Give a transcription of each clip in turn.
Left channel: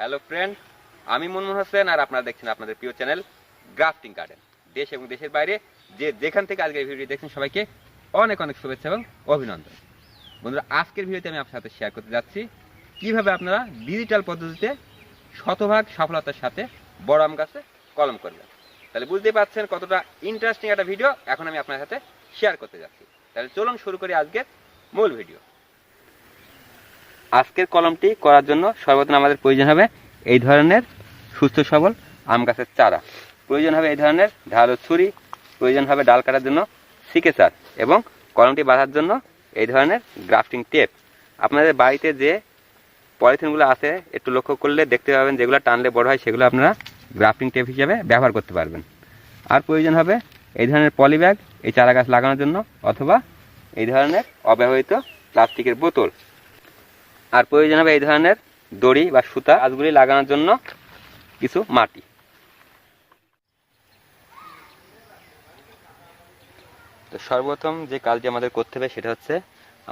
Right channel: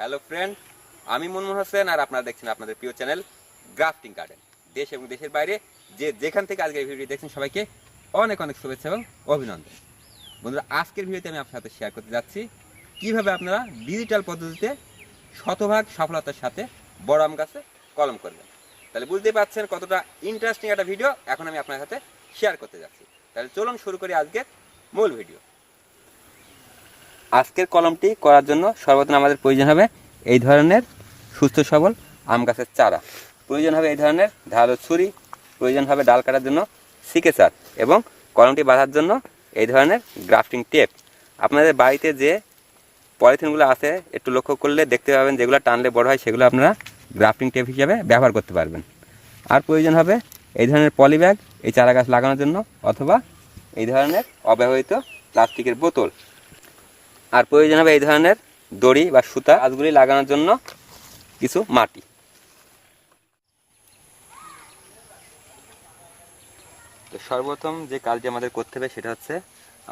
Hello friend, আমি মনমোহন হোসেন আর আপনারা দেখছেন আপনাদের প্রিয় চ্যানেল গ্রাফটিং গার্ডেন। দেশ এবং দেশের বাইরে যেখান থেকে আজকের ভিডিও দেখছেন সবাইকে অনেক অনেক শুভেচ্ছা এবং অভিনন্দন। বন্ধুরা, আজকের ভিডিওতে আমি আপনার সাথে শেয়ার করতে যাচ্ছি কিভাবে আপনারা ডিজিটাল পদ্ধতিতে শতভাগ সফলতার সাথে বড় আম গাছে কলম করবেন। তাহলে বুঝতেই পারছেন কতটা ইন্টারেস্টিং একটা ভিডিও এখন আমি আপনার সাথে শেয়ার করতে যাচ্ছি। তাহলে চলুন শুরু করি আজকের মূল ভিডিও। আজকের কলমটি করার জন্য সর্বপ্রথম আমাদের প্রয়োজন হবে এই ধরনের সুস্থ সবল আম গাছের চারা, প্রয়োজন হবে এই ধরনের ধারালো ছুরি, প্রয়োজন হবে ডাল কাটার জন্য সিকেচার এবং কলমটি বাঁধার জন্য এই ধরনের গ্রাফটিং টেপ। আপনাদের বাড়িতে যে পলিথিনগুলো আছে একটু লক্ষ্য করলে দেখতে পাবেন যেগুলো টানলে বড় হয় সেগুলো আপনারা গ্রাফটিং টেপ হিসেবে ব্যবহার করতে পারবেন। আর প্রয়োজন হবে এই ধরনের পলি ব্যাগ এই চারা গাছ লাগানোর জন্য, অথবা এই ধরনের অব্যবহৃত প্লাস্টিকের বোতল। আর প্রয়োজন হবে এই ধরনের দড়ি বা সুতা গাছগুলি লাগানোর জন্য কিছু মাটি। তো সর্বপ্রথম যে কাজটি আমাদের করতে হবে সেটা হচ্ছে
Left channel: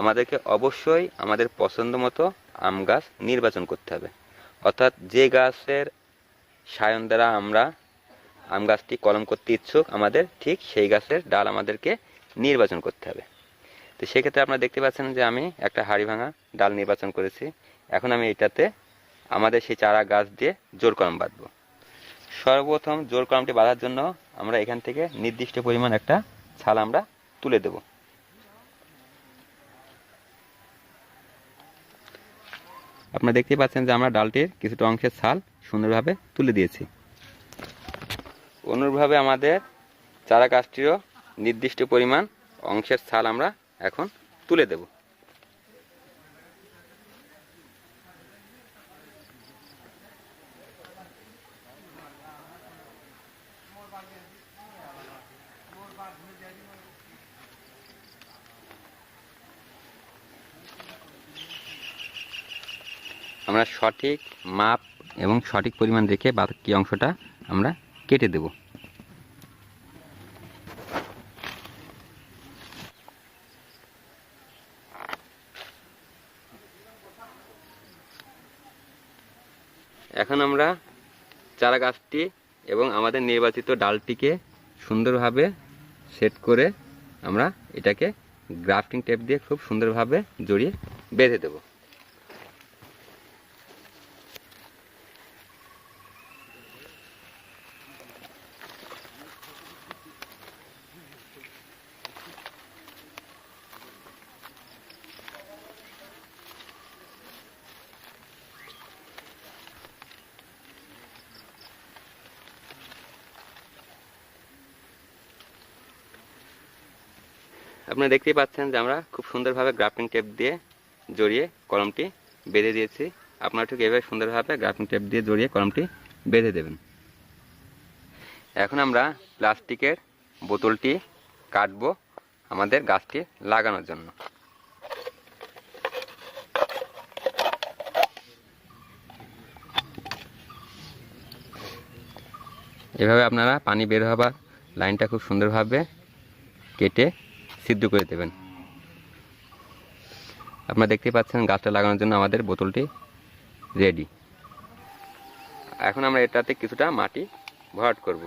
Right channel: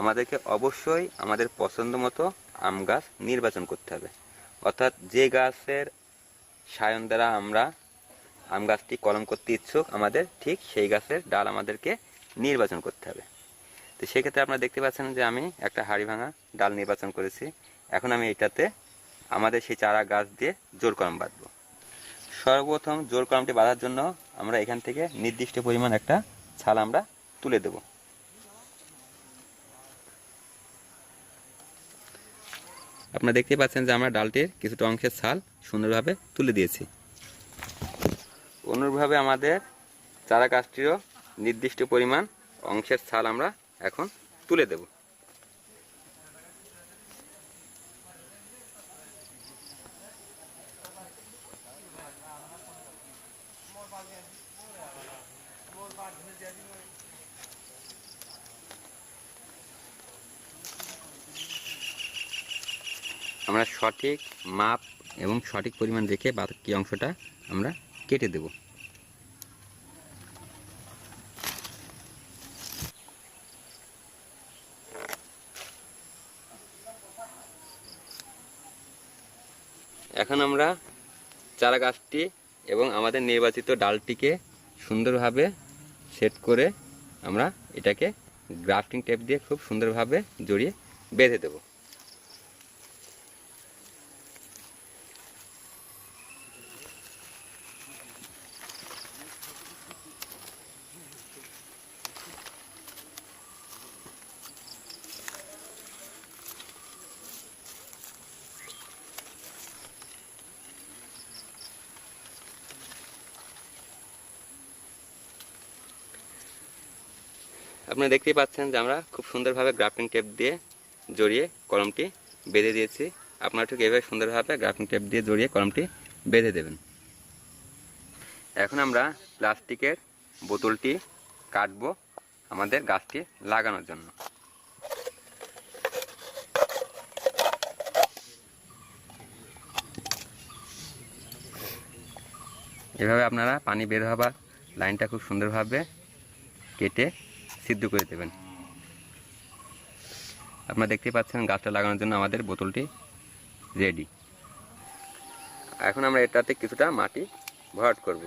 আমাদেরকে অবশ্যই আমাদের পছন্দ মতো আম গাছ নির্বাচন করতে হবে। অর্থাৎ যে গাছের সায়ন দ্বারা আমরা আম গাছটি কলম করতে ইচ্ছুক আমাদের ঠিক সেই গাছের ডাল আমাদেরকে নির্বাচন করতে হবে। তো সেক্ষেত্রে আপনারা দেখতে পাচ্ছেন যে আমি একটা হাড়ি ভাঙা ডাল নির্বাচন করেছি। এখন আমি এটাতে আমাদের সেই চারা গাছ দিয়ে জোর কলম বাঁধব। সর্বপ্রথম জোর কলমটি বাঁধার জন্য আমরা এখান থেকে নির্দিষ্ট পরিমাণ একটা ছাল আমরা তুলে দেব। আপনারা দেখতে পাচ্ছেন যে আমরা ডালটির কিছুটা অংশের ছাল সুন্দরভাবে তুলে দিয়েছি। অনুরূপভাবে আমাদের চারা গাছটিরও নির্দিষ্ট পরিমাণ অংশের ছাল আমরা এখন তুলে দেব। আমরা সঠিক মাপ এবং সঠিক পরিমাণ রেখে বাকি অংশটা আমরা কেটে দেব। এখন আমরা চারা গাছটি এবং আমাদের নির্বাচিত ডালটিকে সুন্দরভাবে সেট করে আমরা এটাকে গ্রাফটিং টেপ দিয়ে খুব সুন্দরভাবে জড়িয়ে বেঁধে দেব। আপনারা দেখতেই পাচ্ছেন যে আমরা খুব সুন্দরভাবে গ্রাফটিং টেপ দিয়ে জড়িয়ে কলমটি বেঁধে দিয়েছি। আপনারা ঠিক এভাবে সুন্দরভাবে গ্রাফটিং টেপ দিয়ে জড়িয়ে কলমটি বেঁধে দেবেন। এখন আমরা প্লাস্টিকের বোতলটি কাটবো আমাদের গাছটি লাগানোর জন্য। এভাবে আপনারা পানি বের হবার লাইনটা খুব সুন্দরভাবে কেটে সিদ্ধ করে দেবেন। আপনারা দেখতে পাচ্ছেন গাছটা লাগানোর জন্য আমাদের বোতলটি রেডি। এখন আমরা এটাতে কিছুটা মাটি ভরাট করব।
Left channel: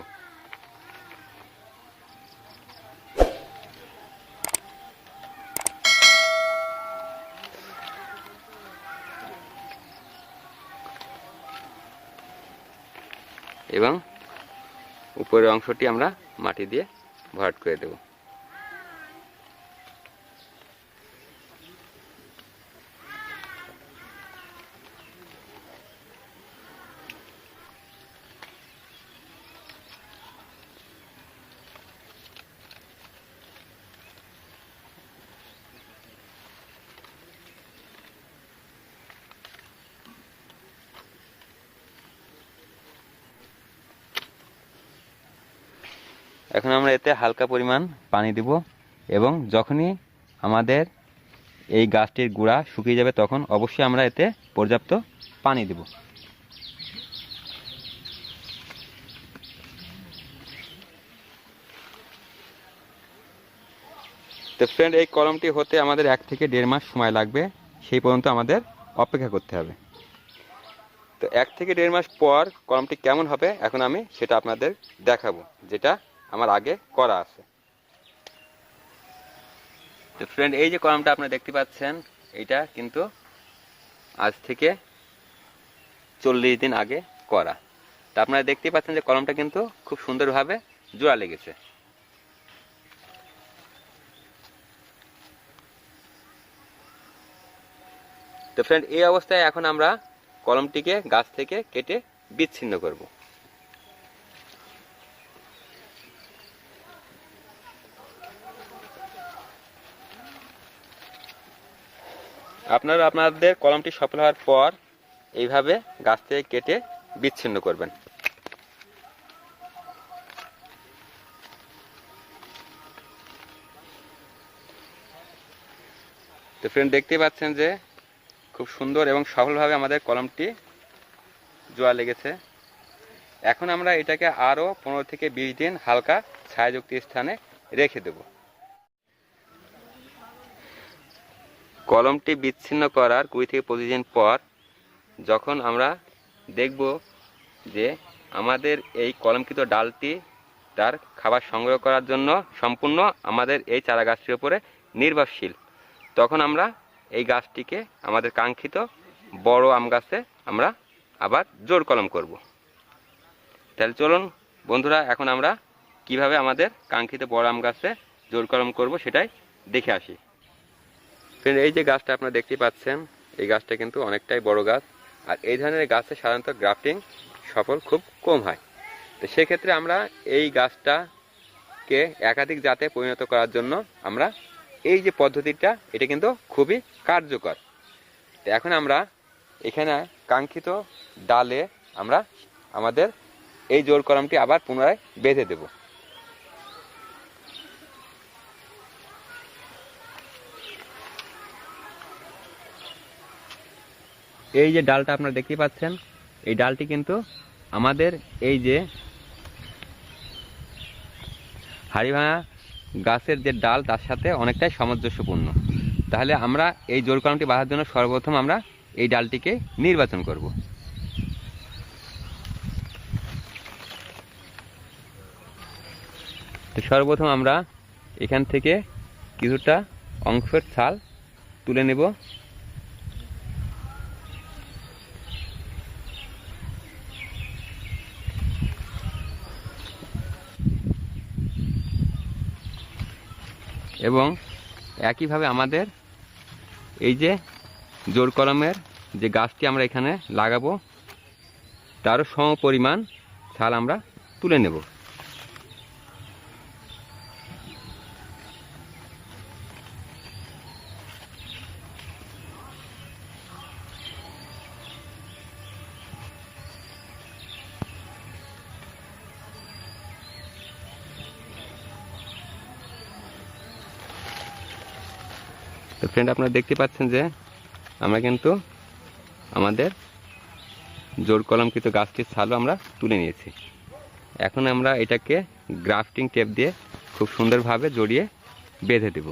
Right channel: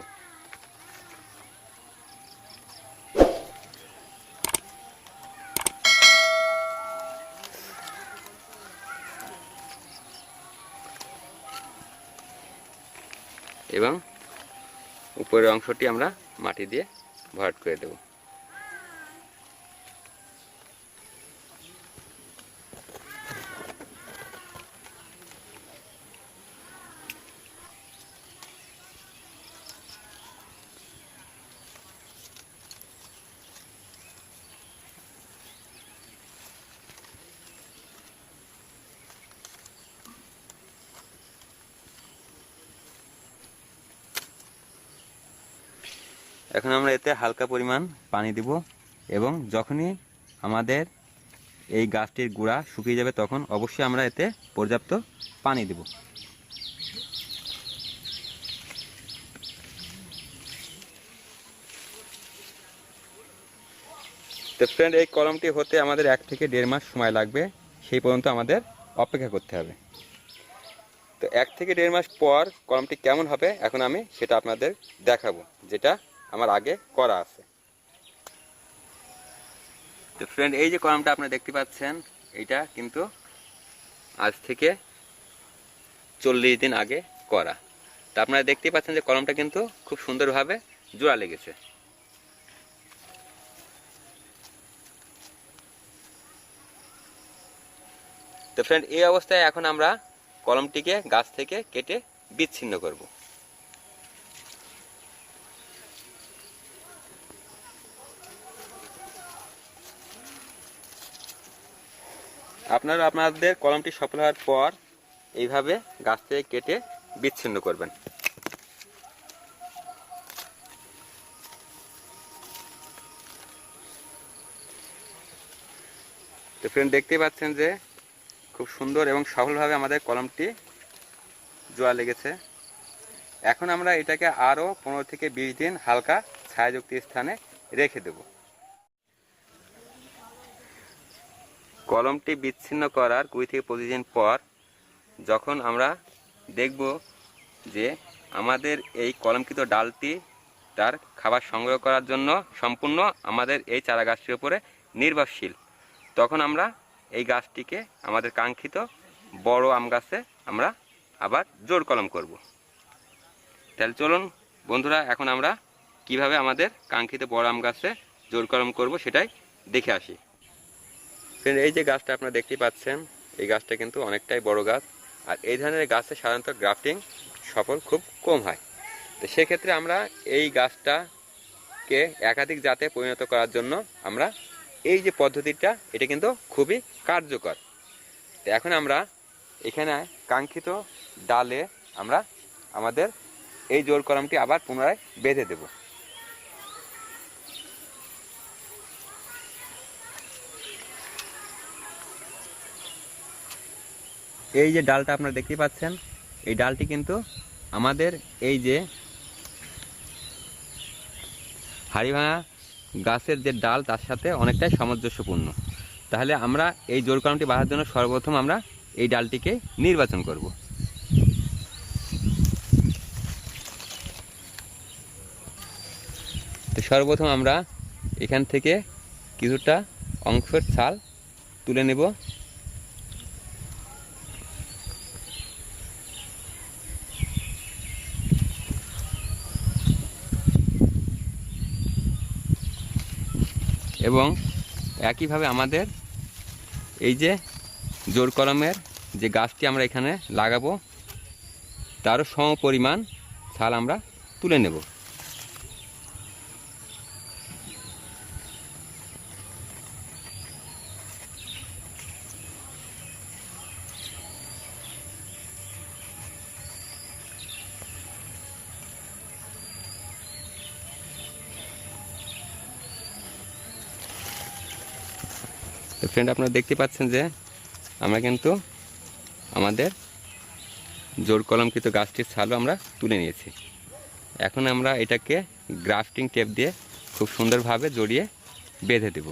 এবং উপরের অংশটি আমরা মাটি দিয়ে ভরাট করে দেব। এখন আমরা এতে হালকা পরিমাণ পানি দিব এবং যখনই আমাদের এই গাছটির গুঁড়া শুকিয়ে যাবে তখন অবশ্যই আমরা এতে পর্যাপ্ত পানি দেব। তো ফ্রেন্ড, এই কলমটি হতে আমাদের 1 থেকে 1.5 মাস সময় লাগবে, সেই পর্যন্ত আমাদের অপেক্ষা করতে হবে। তো 1 থেকে 1.5 মাস পর কলমটি কেমন হবে এখন আমি সেটা আপনাদের দেখাবো, যেটা আমার আগে করা আছে। তো ফ্রেন্ড, এই যে কলমটা আপনারা দেখতে পাচ্ছেন, এইটা কিন্তু আজ থেকে 40 দিন আগে করা। তা আপনারা দেখতেই পাচ্ছেন যে কলমটা কিন্তু খুব সুন্দরভাবে জোড়া লেগেছে। তো ফ্রেন্ড, এই অবস্থায় এখন আমরা কলমটিকে গাছ থেকে কেটে বিচ্ছিন্ন করব। আপনারা আপনাদের কলমটি সফল হওয়ার পর এইভাবে গাছ থেকে কেটে বিচ্ছিন্ন করবেন। তো ফ্রেন্ড, দেখতে পাচ্ছেন যে খুব সুন্দর এবং সফলভাবে আমাদের কলমটি জোড়া লেগেছে। এখন আমরা এটাকে আরও 15 থেকে 20 দিন হালকা ছায়াযুক্ত স্থানে রেখে দেব। কলমটি বিচ্ছিন্ন করার 20 থেকে 25 দিন পর যখন আমরা দেখব যে আমাদের এই কলমকৃত ডালটি তার খাবার সংগ্রহ করার জন্য সম্পূর্ণ আমাদের এই চারা গাছটির উপরে নির্ভরশীল, তখন আমরা এই গাছটিকে আমাদের কাঙ্ক্ষিত বড় আম গাছে আমরা আবার জোড় কলম করব। তাহলে চলুন বন্ধুরা, এখন আমরা কিভাবে আমাদের কাঙ্ক্ষিত বড় আম গাছে জোড় কলম করব সেটাই দেখে আসি। এই যে গাছটা আপনারা দেখতে পাচ্ছেন, এই গাছটা কিন্তু অনেকটাই বড় গাছ, আর এই ধরনের গাছে সাধারণত গ্রাফটিং সফল খুব কম হয়। তো সেক্ষেত্রে আমরা এই গাছটাকে একাধিক জাতে পরিণত করার জন্য আমরা এই যে পদ্ধতিটা, এটা কিন্তু খুবই কার্যকর। তো এখন আমরা এখানে কাঙ্ক্ষিত ডালে আমরা আমাদের এই জোড় কলমটি আবার পুনরায় বেঁধে দেব। এই যে ডালটা আপনারা দেখতে পাচ্ছেন, এই ডালটি কিন্তু আমাদের এই যে হাড়িভাঙা গাছের যে ডাল তার সাথে অনেকটাই সামঞ্জস্যপূর্ণ। তাহলে আমরা এই জোড় কলমটি বাঁধার জন্য সর্বপ্রথম আমরা এই ডালটিকে নির্বাচন করব। তো সর্বপ্রথম আমরা এখান থেকে কিছুটা অংশের ছাল তুলে নেব। এবং একইভাবে আমাদের এই যে জোড় কলমের যে গাছটি আমরা এখানে লাগাবো তারও সম পরিমাণ ছাল আমরা তুলে নেব। তো ফ্রেন্ড, আপনারা দেখতে পাচ্ছেন যে আমরা কিন্তু আমাদের জোড় কলমকৃত গাছটির ছালও আমরা তুলে নিয়েছি। এখন আমরা এটাকে গ্রাফটিং টেপ দিয়ে খুব সুন্দরভাবে জড়িয়ে বেঁধে দেব।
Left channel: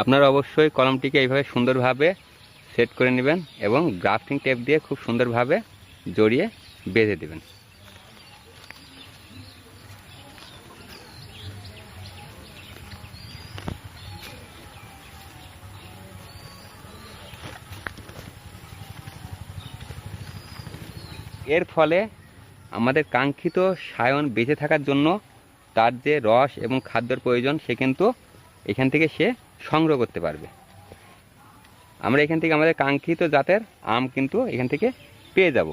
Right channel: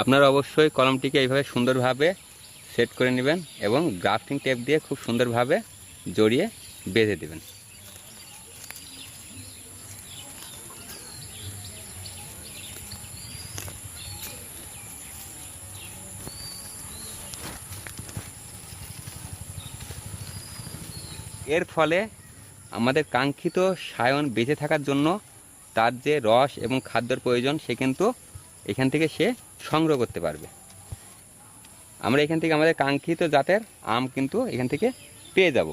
আপনারা অবশ্যই কলমটিকে এইভাবে সুন্দরভাবে সেট করে নেবেন এবং গ্রাফটিং টেপ দিয়ে খুব সুন্দরভাবে জড়িয়ে বেঁধে দেবেন। এর ফলে আমাদের কাঙ্ক্ষিত সায়ন বেঁচে থাকার জন্য তার যে রস এবং খাদ্যর প্রয়োজন সে কিন্তু এখান থেকে সে সংগ্রহ করতে পারবে। আমরা এখান থেকে আমাদের কাঙ্ক্ষিত জাতের আম কিন্তু এখান থেকে পেয়ে যাব।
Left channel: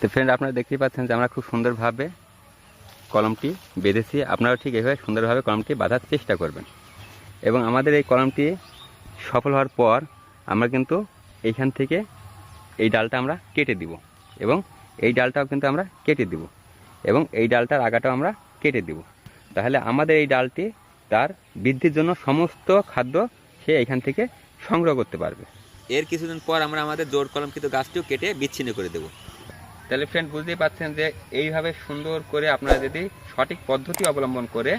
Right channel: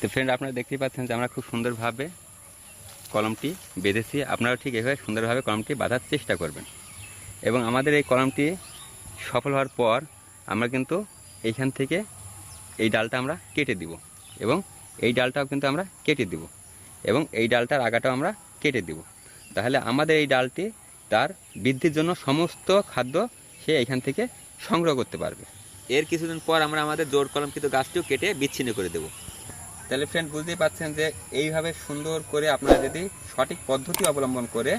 তো ফ্রেন্ড, আপনারা দেখতেই পাচ্ছেন যে আমরা খুব সুন্দরভাবে কলমটি বেঁধেছি। আপনারা ঠিক এইভাবে সুন্দরভাবে কলমটি বাঁধার চেষ্টা করবেন। এবং আমাদের এই কলমটি সফল হওয়ার পর আমরা কিন্তু এইখান থেকে এই ডালটা আমরা কেটে দিব, এবং এই ডালটাও কিন্তু আমরা কেটে দিব, এবং এই ডালটার আগাটাও আমরা কেটে দিব। তাহলে আমাদের এই ডালটি তার বৃদ্ধির জন্য সমস্ত খাদ্য সে এখান থেকে সংগ্রহ করতে পারবে। এর কিছুদিন পর আমরা আমাদের জোড় কলমকৃত গাছটিও কেটে বিচ্ছিন্ন করে দেব। তাহলে ফ্রেন্ড, বুঝতেই পারছেন যে এইভাবে সুন্দর করে আপনারা যদি সঠিক পদ্ধতি অবলম্বন করে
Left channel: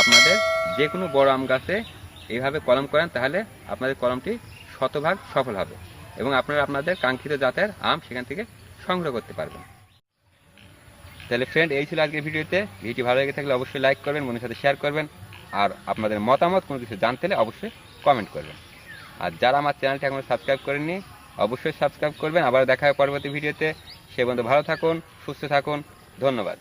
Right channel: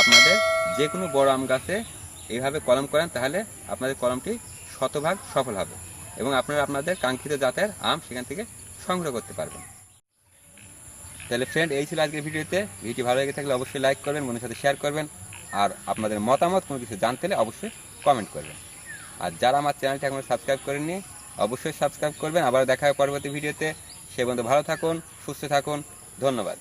আপনাদের যে কোনো বড় আম গাছে এইভাবে কলম করেন, তাহলে আপনাদের কলমটি শতভাগ সফল হবে এবং আপনারা আপনাদের কাঙ্ক্ষিত জাতের আম সেখান থেকে সংগ্রহ করতে পারবেন। তাহলে ফ্রেন্ড, এই ছিল আজকের ভিডিওটি ভালো লেগে থাকলে অবশ্যই লাইক করবেন, বন্ধুদের সাথে শেয়ার করবেন, আর আপনাদের মতামত কোনো কিছু জানতে হলে অবশ্যই কমেন্ট করবেন। আর যারা আমার চ্যানেলটি এখনো সাবস্ক্রাইব করেননি অবশ্যই সাবস্ক্রাইব করবেন। আবার দেখা হবে পরবর্তী ভিডিওতে। সে পর্যন্ত ভালো থাকুন, সুস্থ থাকুন। ধন্যবাদ।